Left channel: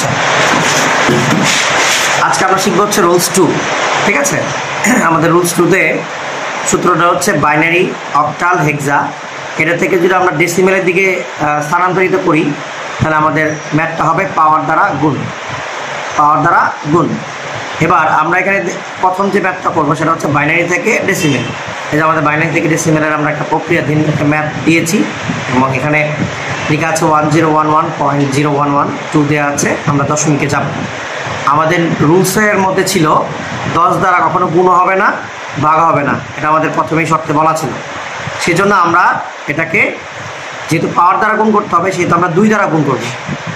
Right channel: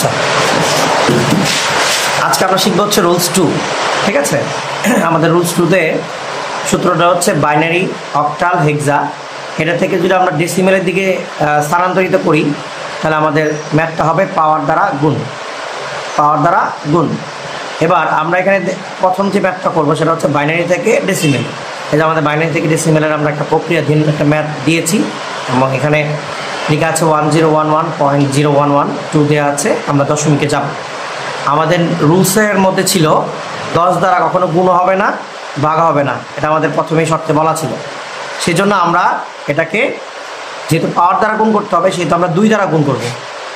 আচ্ছা, আজকে আমরা শিখবো হচ্ছে রুলস 2। ঠিক আছে, আমাদের রুলস 2-তে সূত্রটা হচ্ছে বাইনারি, অক্টাল, হেক্সা। এটা থেকে যদি আমরা ডেসিমেলের দিকে স্থানান্তরিত করি তাহলে আমাদের ম্যাথটা হবে পাওয়ার দ্বারা গুণ, পাওয়ার দ্বারা গুণ। এবার আমরা এখানে প্রথম যে ম্যাথটা করবো সেটা হচ্ছে বাইনারি থেকে ডেসিমেল। এই যে আমাদের বাইনারি থেকে ডেসিমেলের আমরা একটা প্রক্রিয়াধীন একটা ম্যাথ দিয়েছি এবং এখানে লেখা আছে 1011.0112 দেওয়া আছে। আমরা দশমিকে যাব। আমাদের রুলসের মধ্যে ছিল 10 দ্বারা কখনো গুণ হবে না, ভাগ হবে না, এটা আমাদের প্রথমেই শর্তে বলা ছিল। সেজন্য আমরা এটাকে যেহেতু পাওয়ার দ্বারা গুণ করতে হবে সেহেতু আমরা 2 দ্বারা গুণ করব,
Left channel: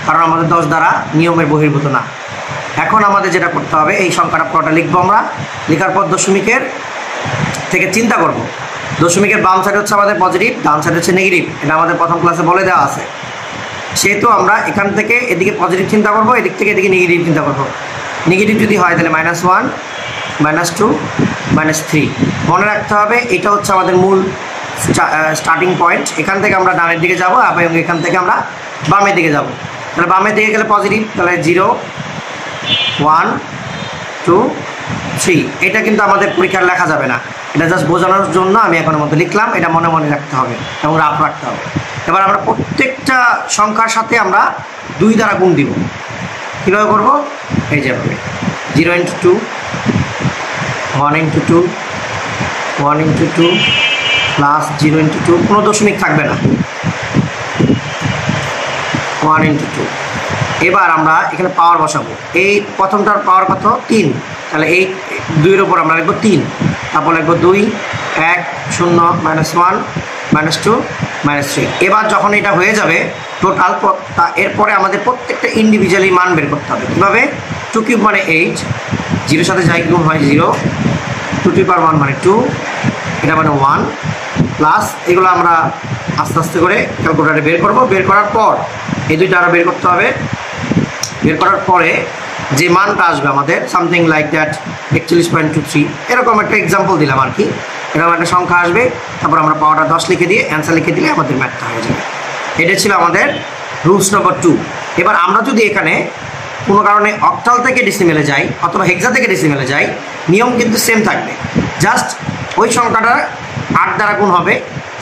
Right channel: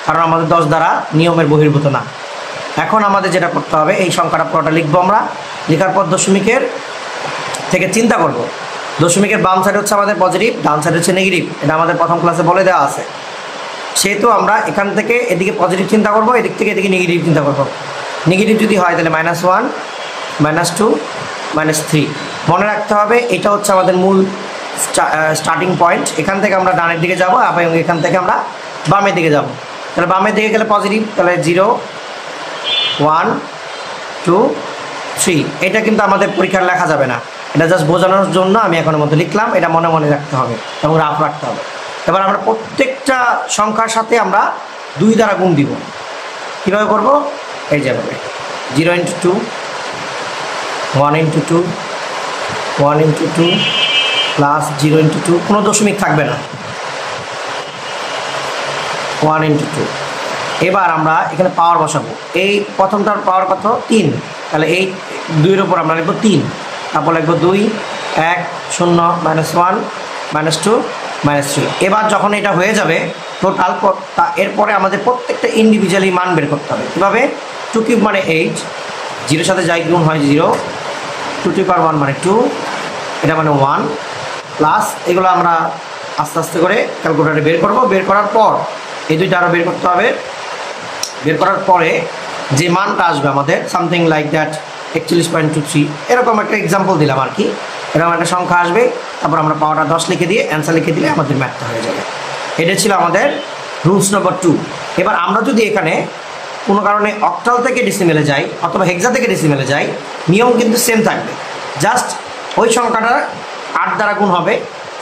কারণ আমাদের 10 দ্বারা নিয়মের বহির্ভূত না। এখন আমাদের যেটা করতে হবে, এই সংখ্যাটা পুরোটা লিখবো আমরা। লেখার পর দশমিকের থেকে চিন্তা করব। দশমিকের বাম সাইড হচ্ছে আমাদের পজিটিভ, ডান সাইড হচ্ছে নেগেটিভ, এটা আমাদের প্রথম ক্লাসে বলে দেওয়া আছে। সেহেতু আমরা এখান থেকে এদিকে পজিটিভ চিন্তা করব, এদিক থেকে এদিকে নেগেটিভ চিন্তা করব। নেগেটিভ যদি হয় তাহলে -1, -2, -3। মনে রাখতে হবে এটা হচ্ছে আমাদের মূল স্টার্টিং পয়েন্ট। এখান থেকে আমরা ডানের দিকে যাব এবং এখান থেকে আমরা বামের দিকে যাব। তাহলে বামের দিকে গেলে পজিটিভ, তাহলে 0, 1, 2, 3। এটা কিন্তু আমাদের পরীক্ষায় লেখা যাবে না, এটা জাস্ট বোঝানোর জন্য আমি এখনের মতো লিখলাম। এটা মনে মনে রাখতে হবে এবং রাফ রাখতে হবে। এবার আমরা প্রত্যেকটা সংখ্যার সাথে আমরা 2 দ্বারা গুণ দিব। কীভাবে করবো? এই যেভাবে 0 × 2, 1 × 2, 1 × 2 প্লাস 0 × 2, কোনো দশমিক থাকবে না, 1 × 2। এবার আমরা এখানে পাওয়ার বসাবো। এই প্রথমটার পাওয়ার কত? 3। তাহলে এই 2-এর উপর আমরা লিখবো 3, তারপর লিখবো 2, 1, 0, -1, -2, -3। এবার যখন এটা হয়ে যাবে টোটাল, এরপরে আমাদের প্রত্যেকটা ইন্ডিভিজুয়ালি মান বের করতে হবে। কীভাবে? 2³ মানে 8, 0-এর সাথে যাই গুণ হয় 0, 2⁻1 মানে 2, এটা মানে 1, প্লাস এগুলো আমরা আস্তে আস্তে করে ক্যালকুলেটারে বের করব। বের করার পর এই দুইটা আরও বের করতে হবে। বের করার পরে যে মানটা আসবে আমাদের সামথিং লাইক দ্যাট 41.23, এরকম একটা এক্সাম্পল দিলাম আর কি। এরকম একটা সংখ্যা আসবে, তারপর আমরা পাওয়ারটা 10 লিখে দিয়ে অ্যান্সার লিখে দিলে আমাদের ম্যাথটা হয়ে যাবে। এটা ছিল আমাদের রুলস নম্বর 2। এবার আমরা যদি এখানে কোনো কারণে অক্টাল থেকে ডেসিমেলে যাই অথবা হেক্সা থেকে ডেসিমেলে যাই, নিয়ম কিন্তু সেম থাকবে। জাস্ট ওই সংখ্যাটা 8 দ্বারা গুণ হবে,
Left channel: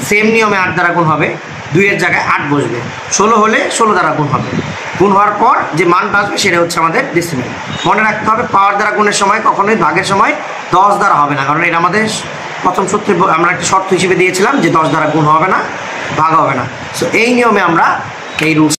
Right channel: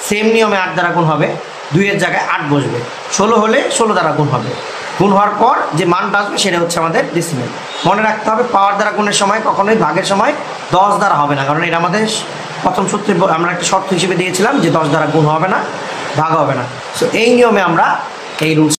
সেম নিয়মে 8 দ্বারা গুণ হবে, 2-এর জায়গায় 8 বসবে। 16 হলে 16 দ্বারা গুণ হবে। গুণ হওয়ার পর যে মানটা আসবে সেটা হচ্ছে আমাদের ডেসিমেল। মনে রাখতে হবে পাওয়ার দ্বারা গুণের সময় কখনোই ভাগের সময় 10 দ্বারা হবে না, কারণ এটা আমাদের প্রথম সূত্রে আমরা একটা শর্ত হিসেবে দিয়েছিলাম যে 10 দ্বারা গুণ হবে না, ভাগ হবে না। সো এই নিয়মে আমরা এই রুলস